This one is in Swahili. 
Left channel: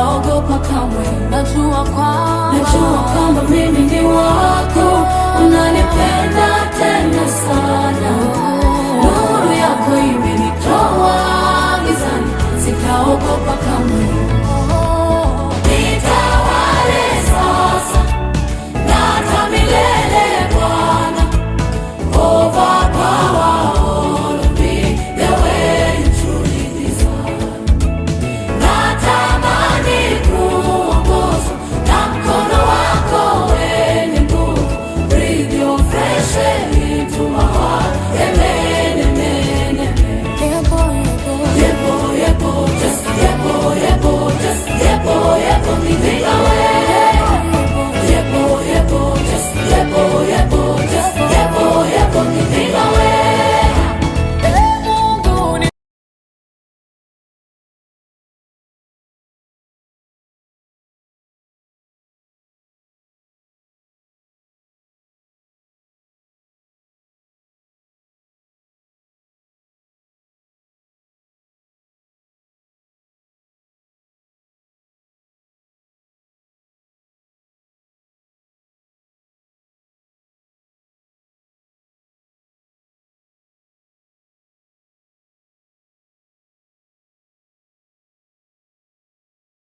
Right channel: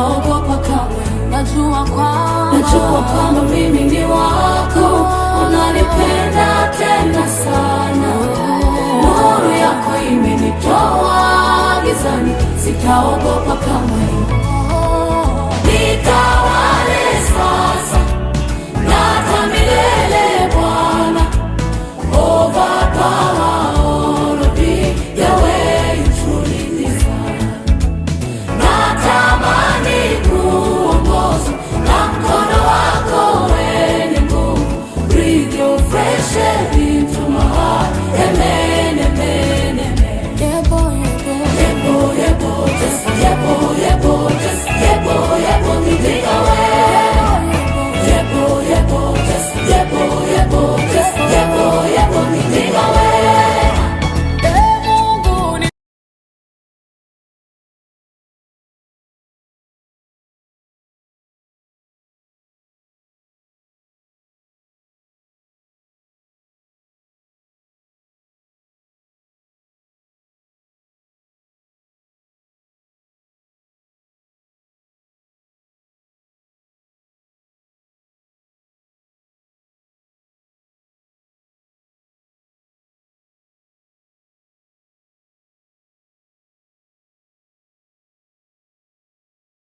sitaogopa kamwe. Najua kwamba mimi ni wako, unanipenda tena sana. Nuru yako imenitoa gizani, sitaogopa kamwe.